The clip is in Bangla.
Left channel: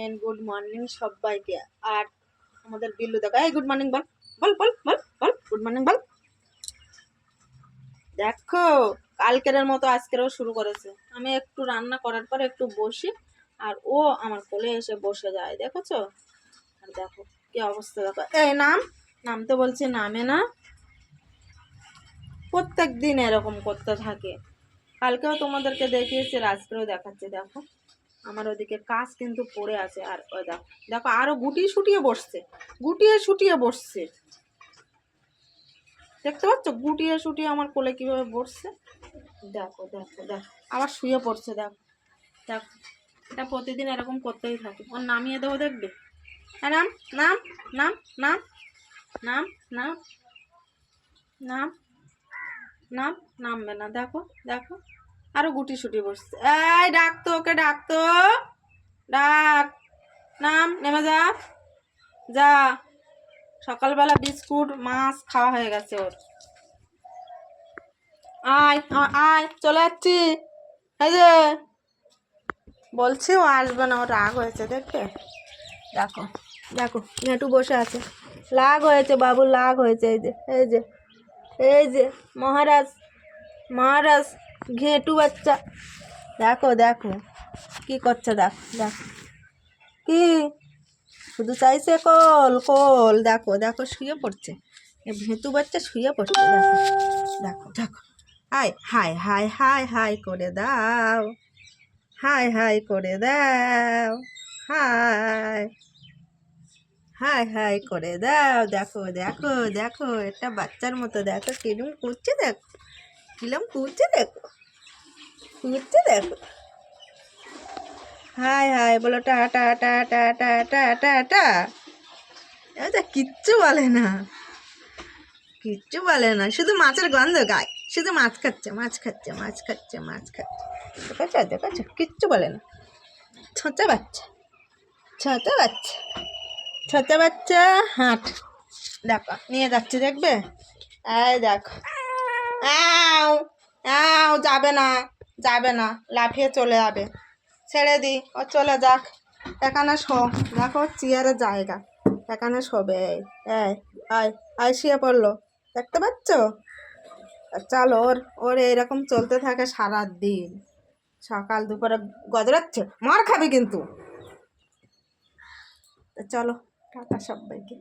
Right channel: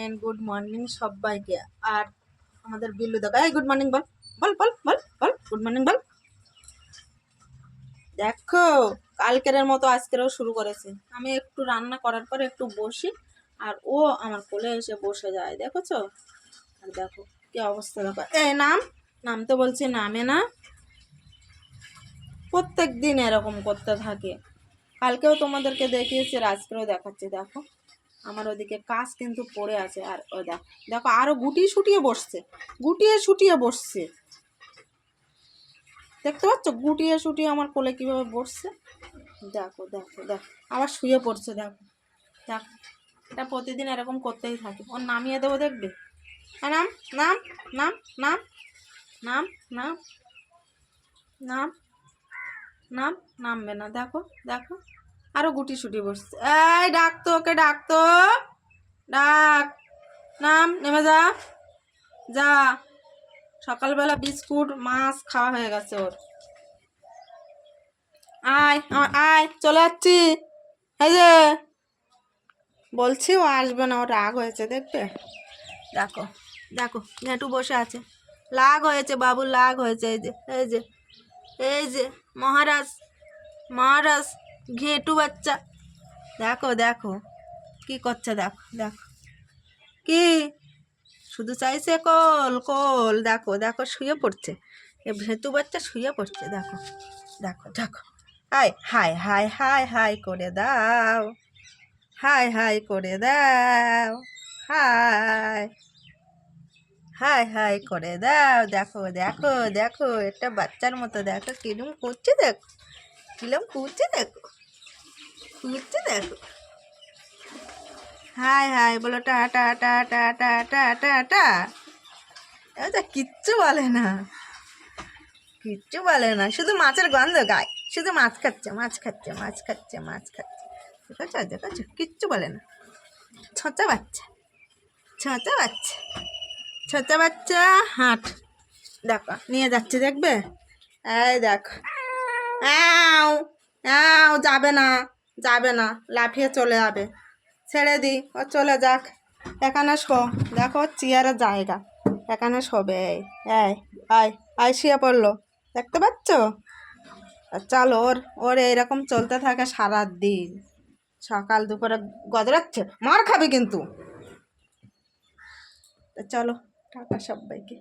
এন্ড গুড মর্নিং সবাইকে। আর আমাদের বিল্লু দেখো, এই গুড মর্নিং বল বল বল বল বল গুড মর্নিং বল। দেখো কালকের মতো আজকেরও শুরু করেছে। আমি একটু রান্না করার পর একটু বসি আর ও আমার কোলে এসে বসে যায়, দেখেছো? আর দেখো কি অবস্থা, দেখো এই নামতে বলছি নামে না। প্রত্যেক দিন এরকম করতে থাকে। কালকেও তোমাদেরকে দেখিয়েছি, আজকেও দেখাচ্ছি। দেখো আমার ওদিকে কাজ কিন্তু পড়ে আছে, আর ওই দেখো দেখো আরো গুটিয়ে শুটিয়ে বসছে। দেখতে পাচ্ছ গুটিয়ে শুটিয়ে আমার কোলে কিভাবে বসছে। দেখো দেখো দেখো আবার শুয়ে পড়ছে। দেখো দেখো এটা প্রতিদিন এরকম করতেই থাকে। ওর নামিয়ে দেবো, দেখবে। নাম নাম নাম নাম নাম নাম নাম নাম নামবে না। দেখো দেখো আরো গুটি শুটি বসছে। এই ডাকতো, ওকে ডাকতো, ডাক, নাম, নেমে যা যা। সকালবেলা বিস্কুট মাছ খাওয়া হয়ে গেছে ওর। আয় আয়, চলে যাচ্ছি। এই যে বলছি ও আসবে না, ওর রাগ হয়েছে দেখবে। দেখো দেখো নেটু বসে আছে, লাগ হয়েছে বাবু, লাগ হয়েছে। এই যে এই যে এই যে মহারাজ মহারাজ ঘেঁটু বাচ্চা। দেখো দেখো কি করছে, দেখো দেখো কি শুধু চাইছে কোল কোল। দেখো দেখো শুয়ে পড়ছে, ভেতু বাচ্চা শুয়ে পড়ছে। দেখো দেখো দেখো high high high high high করে দাও, হাই হাই করে দাও, হাই হাই হাই করে দাও। দেখো দেখো দেখো একটা বাচ্চার মতো, দেখো কিরম করছে, দেখো কিরম করছে, দেখো করছে, দেখো হাই হাই বলো, টা টা টা টা টা টা টা টা। এটা কিচ্ছু বলে না, কিচ্ছু বলে না, শুধু মাছের গন্ধ গায়, শুধু মাছ খাচ্ছে মাছ খাচ্ছে মাছ খাচ্ছে মাছ খাচ্ছে। দেখেছো দেখেছো কিচ্ছু বলে না। ছোঁচা বাচ্চা ছোঁচা বাচ্চা ছোঁচা বাচ্চা। হাঁট, দেখো নিয়ে যাচ্ছে, দেখবে। এই দেখো আও আও, যাবে না যাবে না, লাফিয়ে চলে যাবে। ছেড়ে দি, ও চলে যাক। এখানে শো, দেখো চেয়ারের জায়গা, এখানে শোবে। এই আয় আয় শুয়ে পড়লো, দেখতে পাচ্ছ? চলো ওর ওর এইরকম চলতে থাকে সারা দিন। সকাল দুপুরে গজরাচ্ছে, মার খাবি কিন্তু। চলো টাটা সবাইকে।